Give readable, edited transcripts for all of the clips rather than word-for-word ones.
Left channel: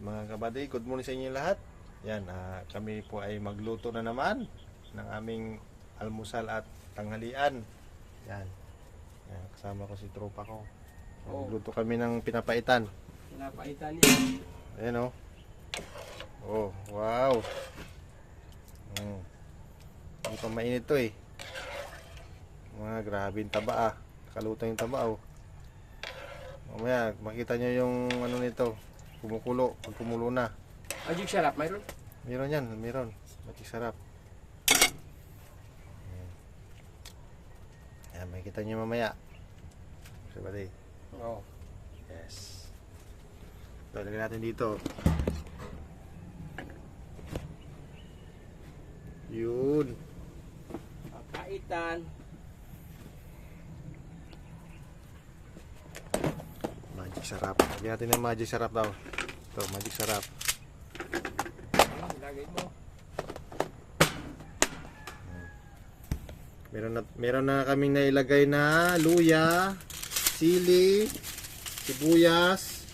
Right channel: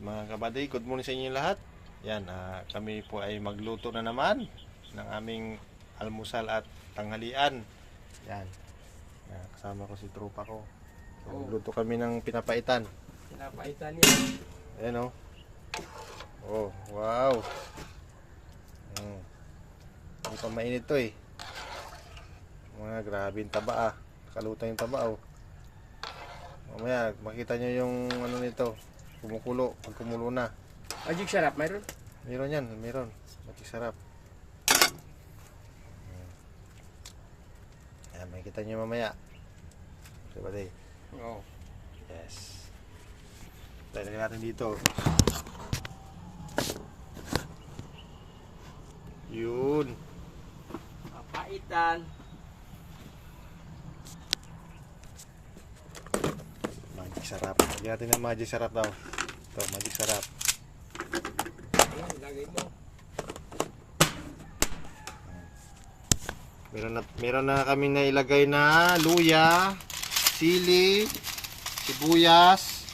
mga kabady, good morning sa inyo lahat. Yan, kami po ay magluto na naman ng aming almusal at tanghalian. Yan, yan kasama ko si tropa ko. So, magluto kami ng pinapaitan. Pinapaitan niya. Ayan o. Oh, wow. Hindi pa mainit to eh. Mga grabe yung taba Kalutang yung taba Mamaya makita nyo yung ano nito, kumukulo, pag kumulo na. Magic sarap, mayroon? Meron yan, meron. Magic sarap. Ayan, makikita nyo mamaya. Sabay. Oo. Yes. Lalagyan natin dito. Yun. Papaitan. Magic sarap. Lagyan natin ng magic sarap daw. Ito, magic sarap. Ayan, ilagay mo. Meron na kaming nailagay na luya, sili, sibuyas,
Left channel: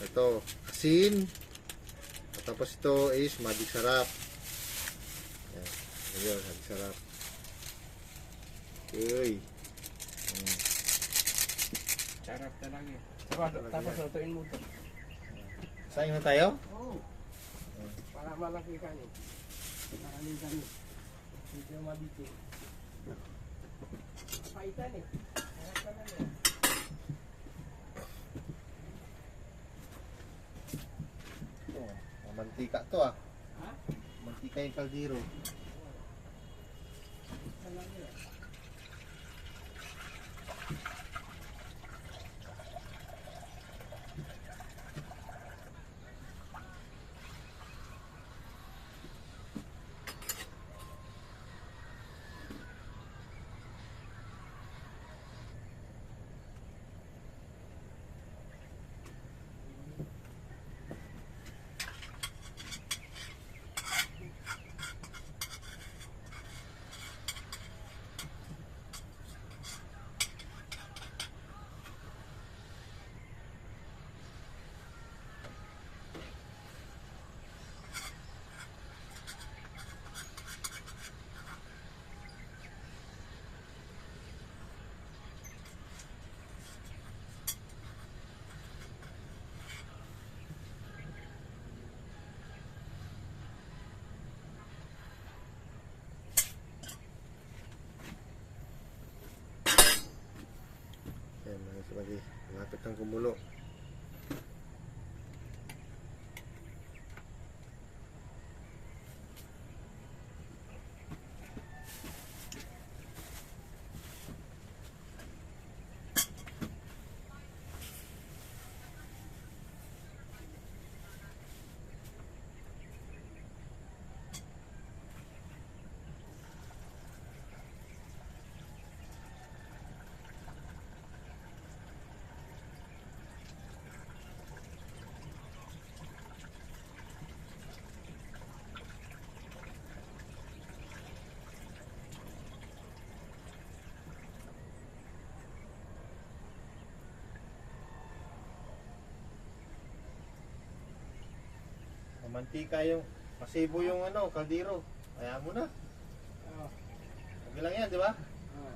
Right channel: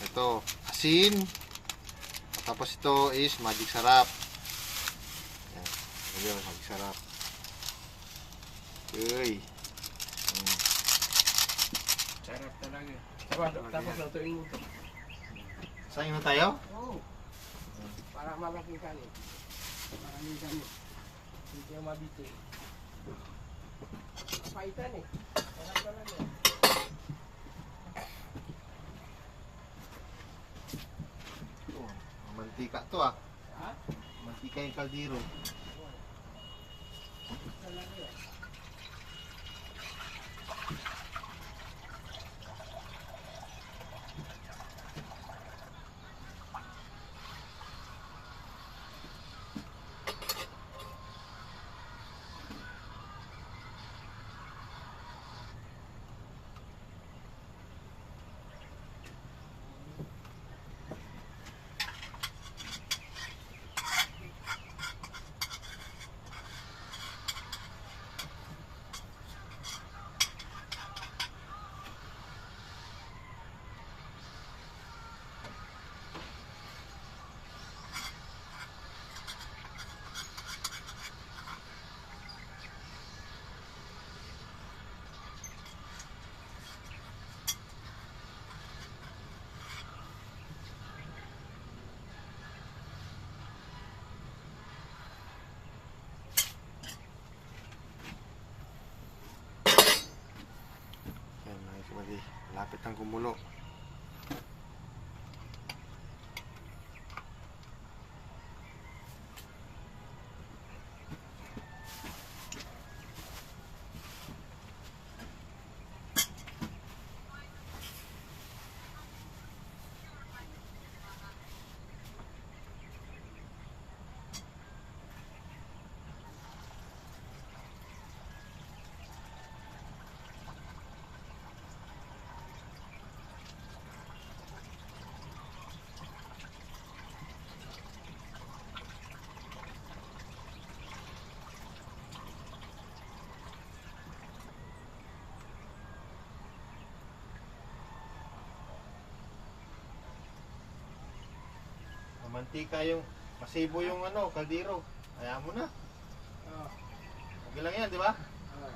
ito, asin. Tapos ito is magic sarap. Ayan, magic sarap. Uy. Sarap talaga eh. Tapos lutuin mo ito. Saan na tayo? Oo. Para malaki kanin. Maraming kanin. Hindi yung mabiti. Papaitan eh. Sarap talaga eh. Ito, mantika to Ha? Mantika yung kaldero. Talaga eh. Ayan mga kabady, lapit ng kumulo. Mantika yung masibo yung kaldero. Kaya mo na. Oo. Okay lang yan, di ba? Oo.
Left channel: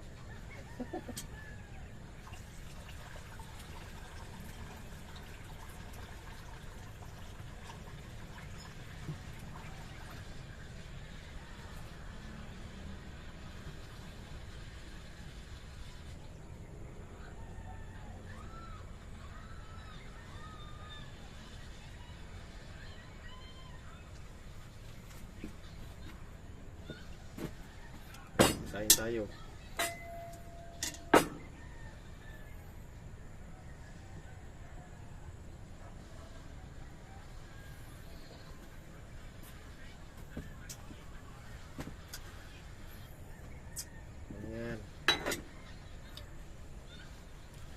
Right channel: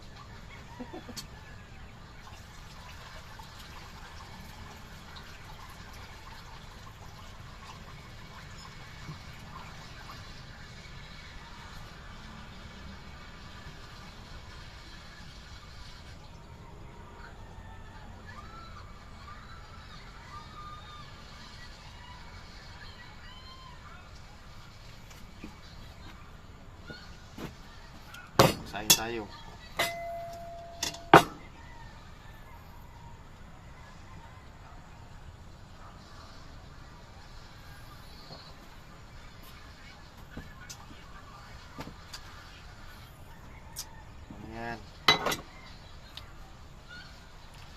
Sayin tayo. Ayan.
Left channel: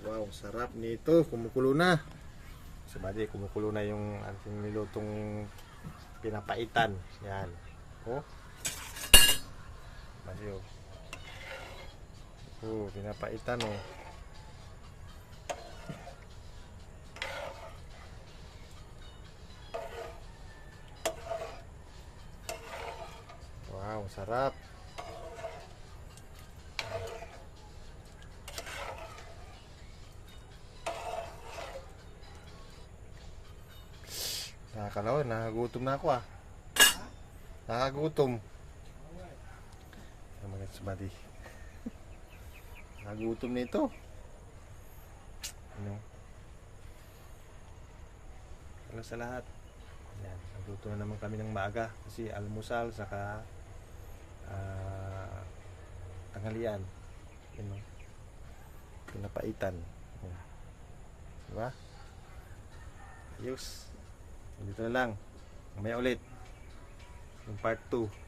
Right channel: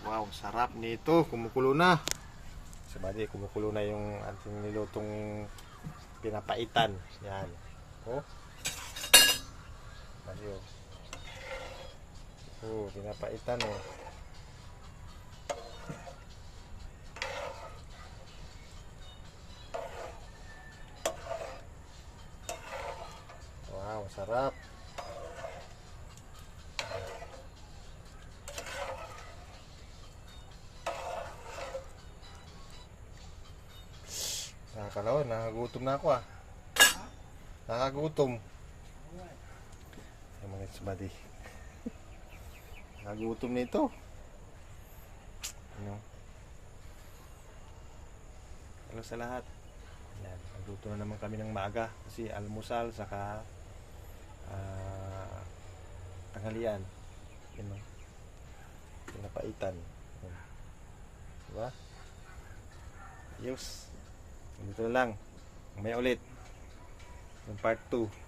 Wow, sarap nito. Kumukulo na. Sabadi, kumukulo na yung ating nilutong pinapaitan. Yan. Oh. Ayun. Pinapaitan Sarap. Nakakalawa, nakagutom na ako ah. Nakagutom. Ay mga buddy. Nakagutom na ito. Ano? Hello sa lahat. Yan, nagluto na naman kami ng maaga kasi almusal saka tanghalian. Yan o. Pinapaitan. Yan. Diba? Ayos. Dito na lang. Mamaya ulit. Yung part 2.